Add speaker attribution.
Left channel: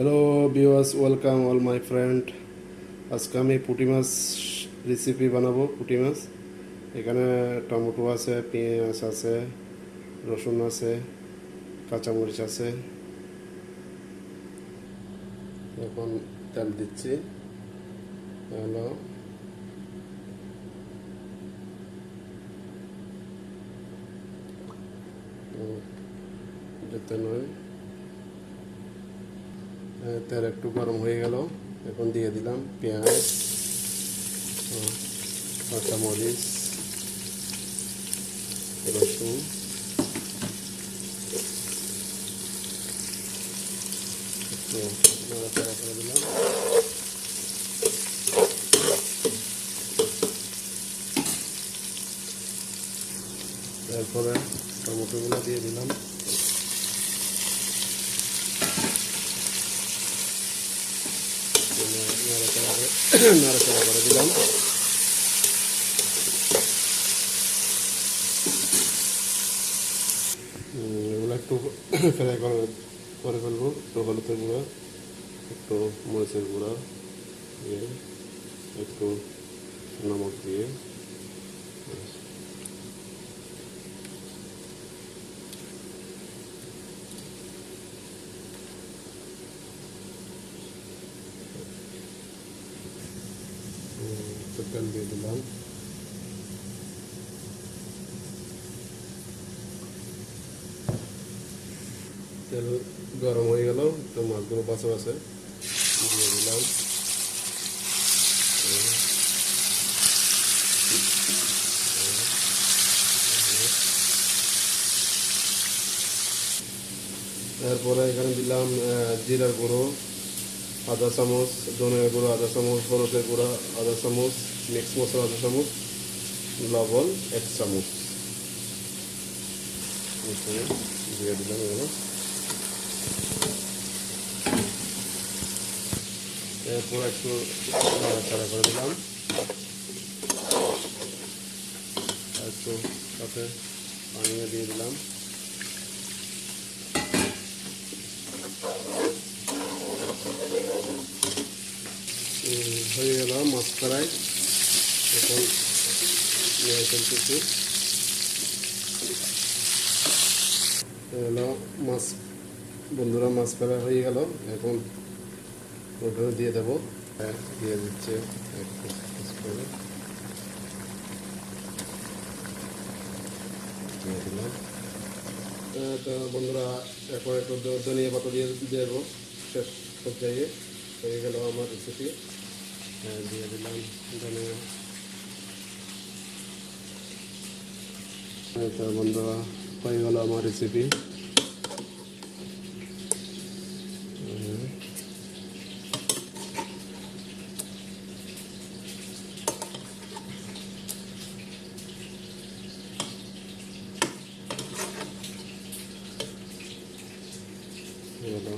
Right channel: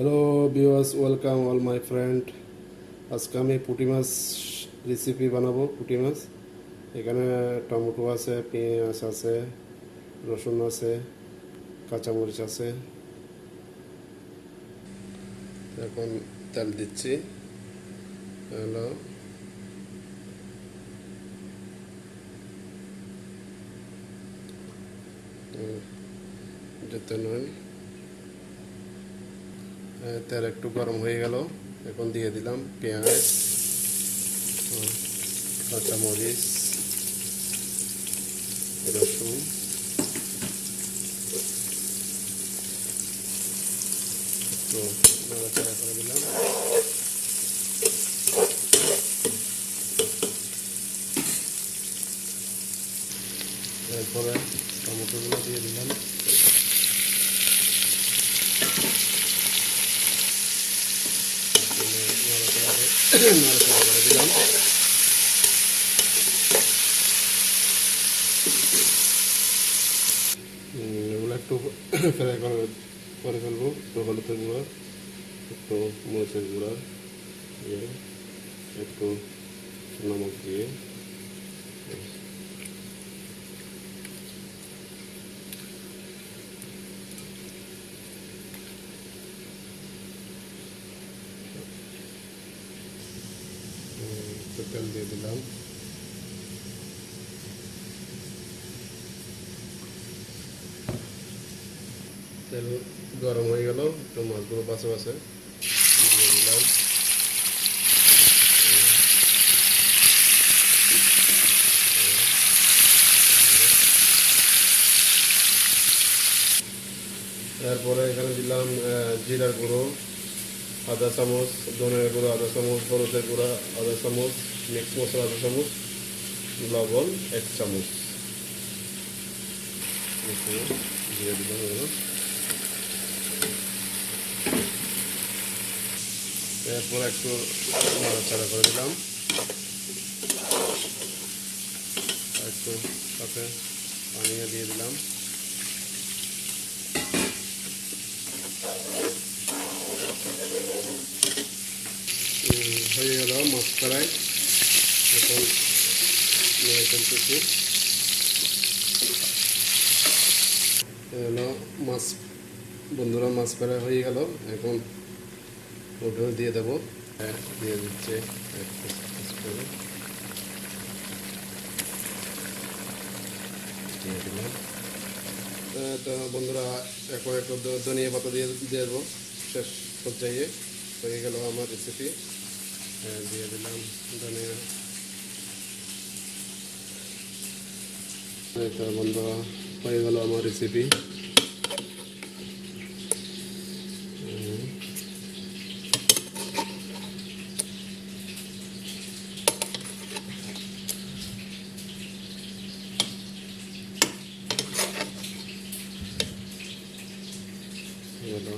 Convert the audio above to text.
Speaker 1: Hello viewers welcome all my friend আজকে আমি পুঁটি মাছ রেসিপি বানাবো পুঁটি মাছ এখানে টমেটো আছে, পেঁয়াজ আছে, রসুন আছে, কাঁচামরিচ আছে। এখন তেল দিচ্ছি। হ্যালো। যেতে নয়। তেল একটু গরম হয়ে গেল। এখন দিয়ে দিলাম পেঁয়াজ, কাঁচামরিচ, রসুন। একটু নাড়াচাড়া করে দিলাম। এরপরে টমেটোগুলো দিয়ে দিলাম। নাড়াচাড়া করে দিলাম এগুলো একটু ফ্রাই করে করে ফেলব, একটু হলুদের গুঁড়া, একটু মরিচের গুঁড়া দিয়ে, একটু নমক দিয়ে উম, একটু তেল দিয়ে দিলাম। তেল গরম হয়ে গেল, একটু মাছগুলো পাশে পাশে দিয়ে দিলাম। এরপরে এখানে দিলাম জিরার গুঁড়ো। আধা চামচ, ধনের গুঁড়ো আধা চামচ, হলুদের গুঁড়ো আধা চামচ, মিক্স মশলা আধা চামচ, লবণ এক চামচ। দিয়ে দিলাম এরপর একটু নাড়াচাড়া করে দিলাম। একটু সাথে পানিও দিয়ে দিলাম। হয়ে গেল মাছ ফ্রাই এখন নিয়ে ফেলতেছি মাছ, বন্ধুরা মাছ ফ্রাই হয়ে গেল। এখন ওখানে দিয়ে দেবো। হ্যাঁ দিয়ে দিচ্ছে। দিয়ে তো বন্ধুরা, এখন একটু ধনিয়া পাতা দিয়ে দিয়ে দেবো। শেষ পর্যায়ে। হয়ে গেল আমার রেসিপি দিয়ে দিলাম ধনিয়া তো বন্ধুরা হয়ে গেল আমার রেসিপি হলো